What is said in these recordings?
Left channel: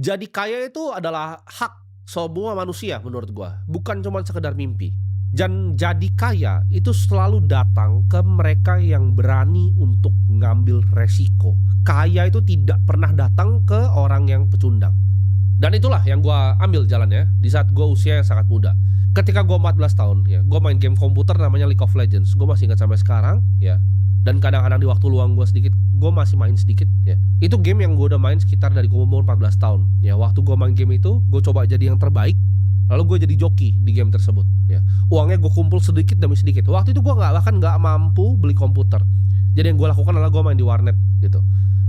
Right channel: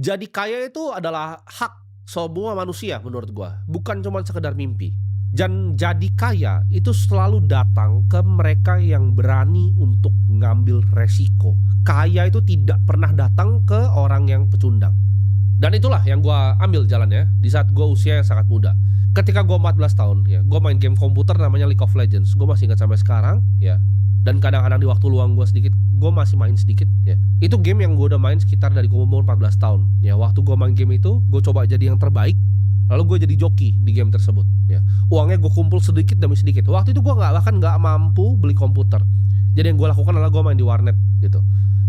Jadi kaya itu adalah hak semua manusia menurut gua, bukan cuman sekedar mimpi. Dan jadi kaya itu selalu datang ke mereka yang berani untuk ngambil resiko. Kaya itu tidak pernah datang ke orang yang pecundang. Dan itulah yang gua ambil jalannya di saat gua usia yang sangat muda. Ketika gua 14 tahun ya, gua main game komputer namanya League of Legends. Gua masih ingat sampai sekarang ya. Dan kadang-kadang di waktu luang gua sedikit, gua masih main sedikit ya. Itu game yang gua udah main sekitar dari gua umur 14 tahun. Ya, waktu gua main game itu, gua coba jadi yang terbaik. Lalu gue jadi joki di game tersebut ya. Uangnya gue kumpul sedikit demi sedikit. Waktu itu gue bahkan nggak mampu beli komputer. Jadi yang gue lakukan adalah gue main di warnet gitu.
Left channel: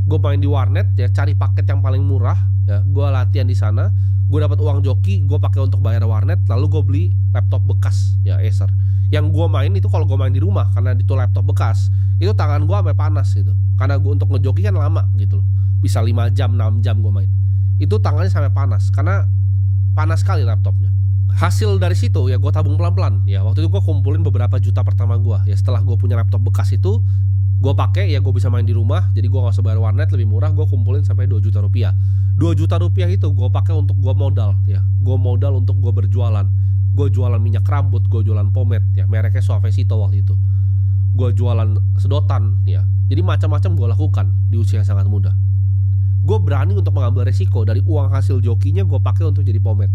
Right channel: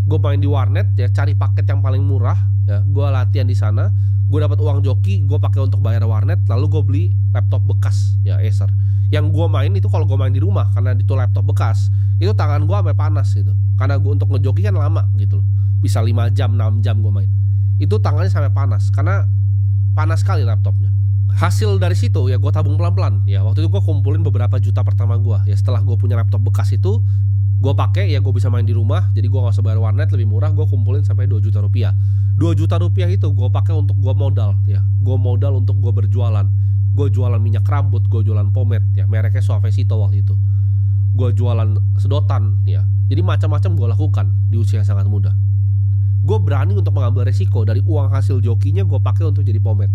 Gue main di warnet ya, cari paket yang paling murah ya. Gue latihan di sana. Gue dapat uang joki, gue pakai untuk bayar warnet. Lalu gue beli laptop bekas ya, Acer. Yang gue main itu kalau gue main di rumah, karena itu laptop bekas, itu tangan gue sampai panas gitu. Karena gue untuk ngejoki kan lama gitu loh. Bisa 5 jam, 6 jam gue main. Itu tangannya sampai panas karena panas sekali laptopnya. Hasil dari situ ya gue tabung pelan-pelan ya. Waktu itu gue kumpulin beberapa juta pertama gue ya. Setelah gue punya laptop bekas itu, gue pakai ya, gue bisa main di rumah. Jadi gue gak usah bayar warnet, lebih murah. Gue kumpulin sampai 2 juta rupiah. 2 juta rupiah itu gue pakai untuk gue modal ya. Gue modal untuk gue berjualan. Gue jualan minyak rambut, gue jualan pomade ya, mereknya Suavecito waktu itu. Gue jualan sedotan ya. Jadi macam-macam gue lakukan di usia yang sangat muda. Gue berani untuk mengambil resiko. Dari uang hasil jokinya gue pakai untuk jadi pomade.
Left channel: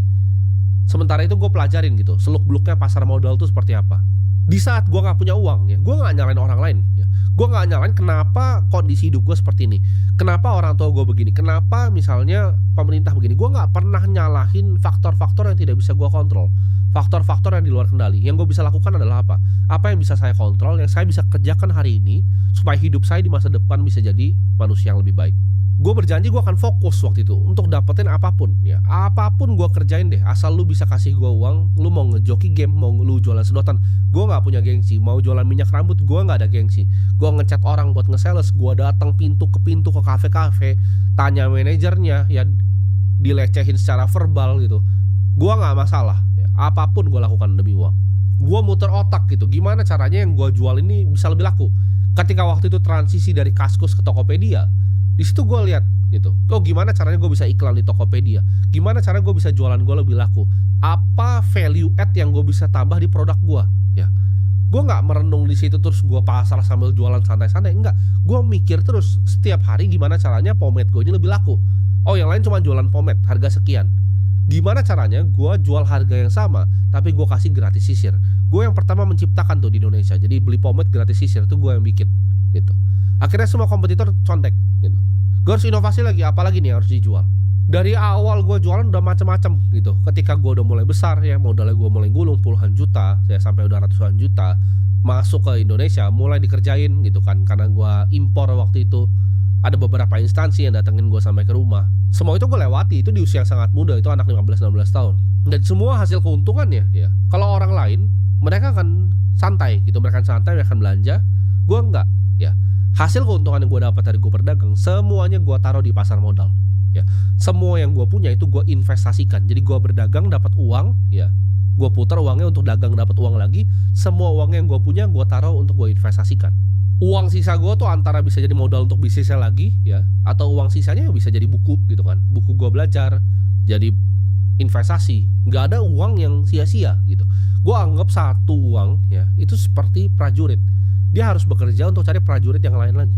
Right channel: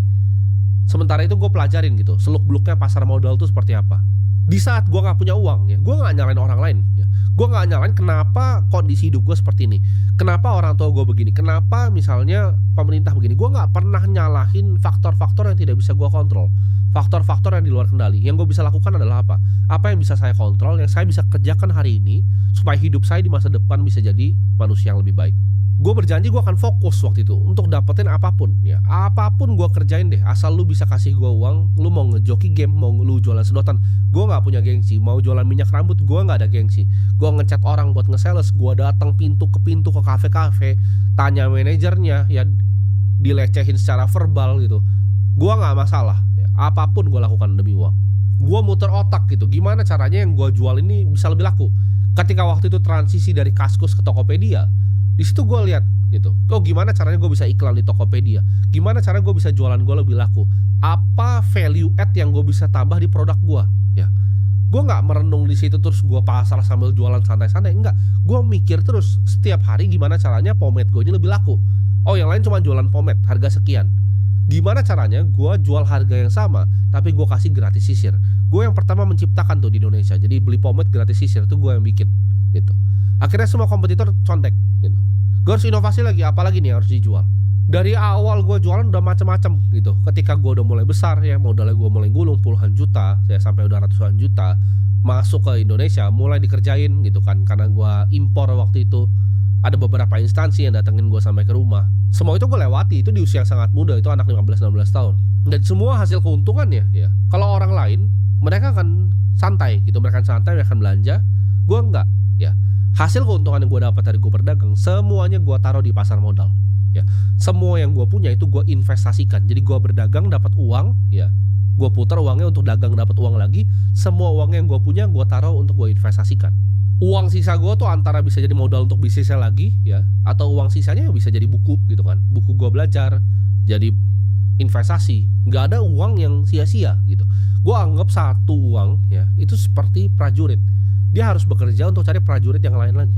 Sementara itu gue pelajarin gitu, seluk-beluknya pasar modal itu seperti apa. Di saat gue gak punya uang ya, gue gak nyalain orang lain ya. Gue gak nyalain kenapa kondisi hidup gue seperti ini, kenapa orang tua gue begini, kenapa misalnya pemerintah begini. Gue gak pernah nyalahin faktor-faktor yang tidak bisa gue kontrol, faktor-faktor yang di luar kendali. Yang gue bisa lakukan adalah apa? Apa yang bisa saya kontrol, yang saya bisa kerjakan hari ini, supaya hidup saya di masa depan bisa jadi manusia yang lebih baik. Gue berjanji gue akan fokus waktu itu untuk dapetin apapun ya, apapun gue kerjain deh, asal lu bisa kasih gue uang. Lu mau ngejoki game, mau lu jualan sedotan, gue nggak punya gengsi. Mau jualan minyak rambut, gue nggak ada gengsi. Gue ngechat orang buat nge-sales, gue datang pintu ke pintu ke kafe-kafe, tanya manajernya ya, dilecehin secara verbal gitu. Gue nggak masalah ya, apapun gue lakukan demi uang. Gue muter otak gitu, gimana caranya yang gue jual ini bisa lebih laku. Ketika waktu itu transisi dari Kaskus ke Tokopedia, di situ gue lihat gitu, oh gimana caranya gue bisa iklan di Tokopedia, gimana cara gue bisa jualan gue lebih laku, apa value add yang gue bisa tambah di produk gue ya. Gue nggak merenung di situ terus gue pasar sambil jualan santai-santai, enggak. Gue mikir terus setiap hari gimana caranya pomade gue ini lebih laku. Oh yang lain cuma jualan pomade harga sekian, gimana caranya gue jual harga yang sama tapi gue kasih gratis sisir. Gue yang pertama menciptakan tuh di Indonesia, jadi beli pomade gratis sisir itu gue yang bikin gitu. Akhirnya semua kompetitor contek gitu. Gue harus inovasi lagi, apalagi nih yang harus dijual. Dari awal gue jualan udah macam-macam gitu. Ketika gue udah mulai besar ya, modalnya gue mulai gulung puluhan juta ya, sampai udah ratusan juta masuk ke Indonesia, mulai dikerjain gitu kan. Karena gue impor waktu itu, ada beberapa instansi yang datengin gue sampai ke rumah. Semua itu gue lewati, itu di usia yang sangat muda, itu anak 15-16 tahun. Dan semua hasil keuntungannya ya, kalau orang lain mereka akan santai gitu, mereka akan santai, mereka akan belanja. Gue enggak ya. Hasil keuntungan yang gue dapat dari gue berdagang, semuanya gue taruh di pasar modal ya. Semua yang gue punya itu gue investasikan. Jadi gue berdagang dapat uang ya, gue putar uangnya untuk dagang dapat uang lagi. Semua uang yang gue punya gue taruh untuk gue investasikan. Uang sisa gue tuh antara bisa jadi modal untuk bisnisnya lagi ya, atau uang sisanya bisa jadi buku gitu kan, buku gue belajar, jadi investasi. Nggak ada uang yang sia-sia gitu. Gue anggap satu uang ya itu seperti prajurit, dia harus bekerja untuk cari prajurit yang lain lagi.